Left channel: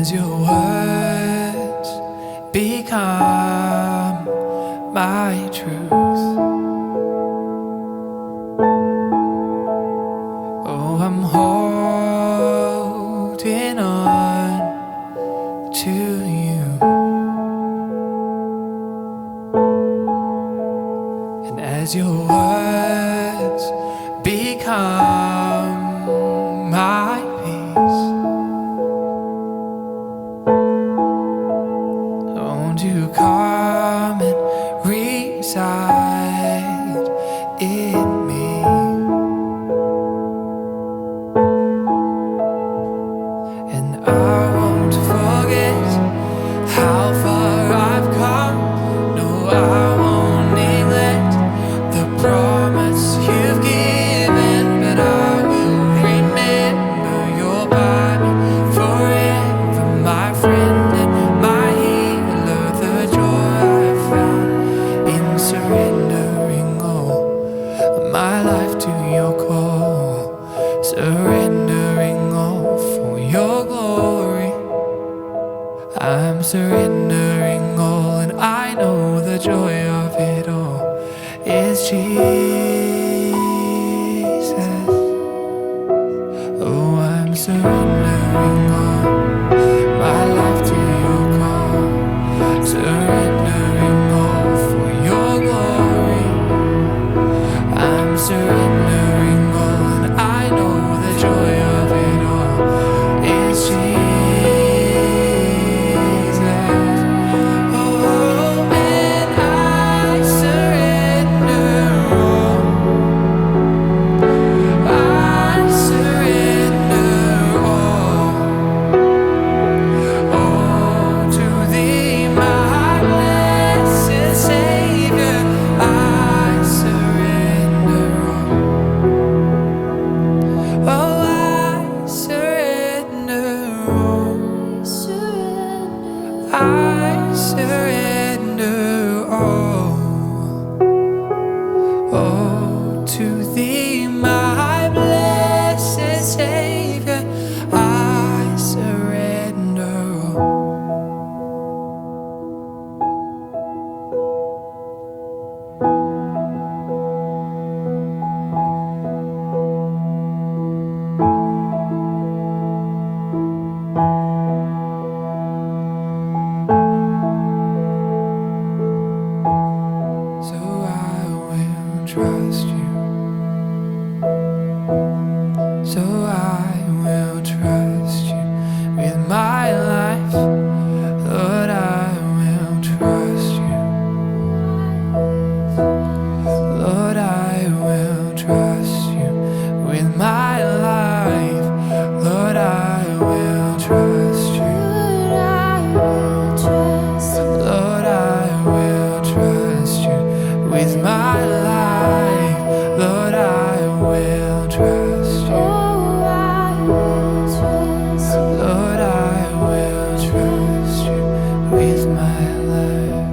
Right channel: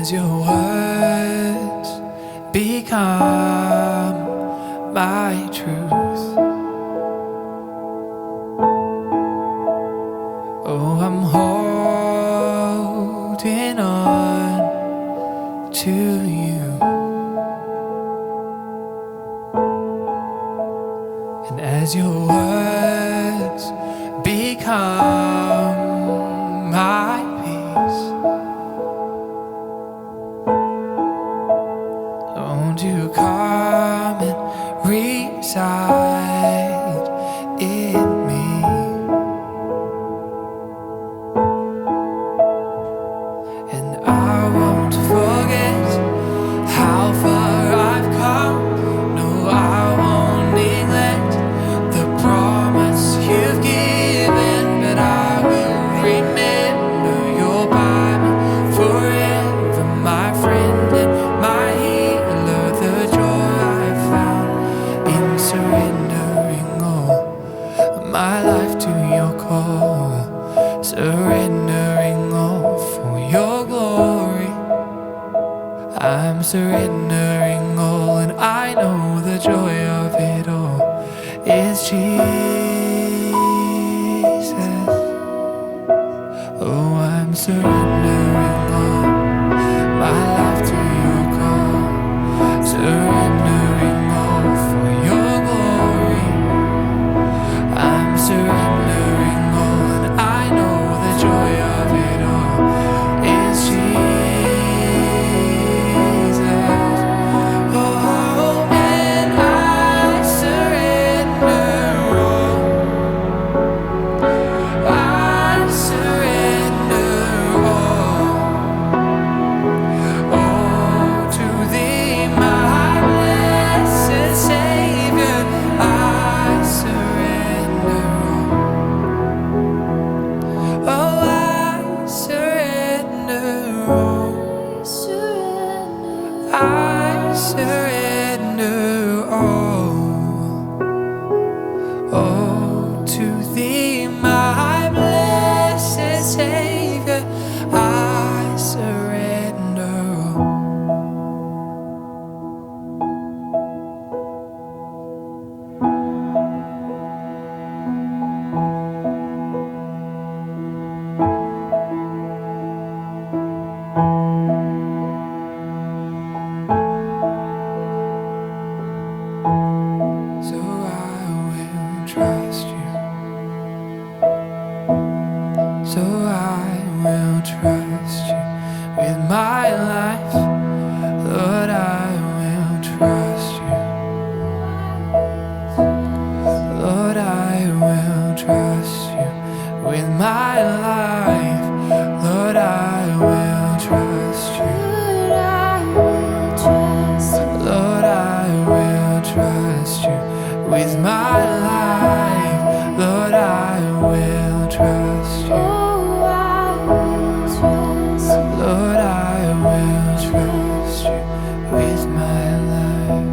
as your words become my truth. Oh, I'm holding on to you, and as your words become my peace, won't you come and reside in me? And I won't forget how far I've come. No, I won't neglect the promise you've given, but I will remember you're by me forever, my friend and my healer. The joy I found in surrendering all my life to your call, surrendering all for your glory. I'm surrendering all, and I know the joy of it all is Jesus. Oh, I'm surrendering all my life to your call, surrendering all for your glory. I'm surrendering all, and I know the joy of it all is Jesus. Oh, and I surrender all. I surrender all. Oh, to thee, my blessed Savior, I surrender all. Oh, I surrender all. I surrender all. Oh, to thee, my blessed Savior, I surrender all. So I will trust you. So I will trust you with my life. Lord, I will trust you. Lord, I will trust you with my life. Lord, I will trust you. Lord, I will trust you with my life. Lord, I will trust you. Lord, I will trust you with my life.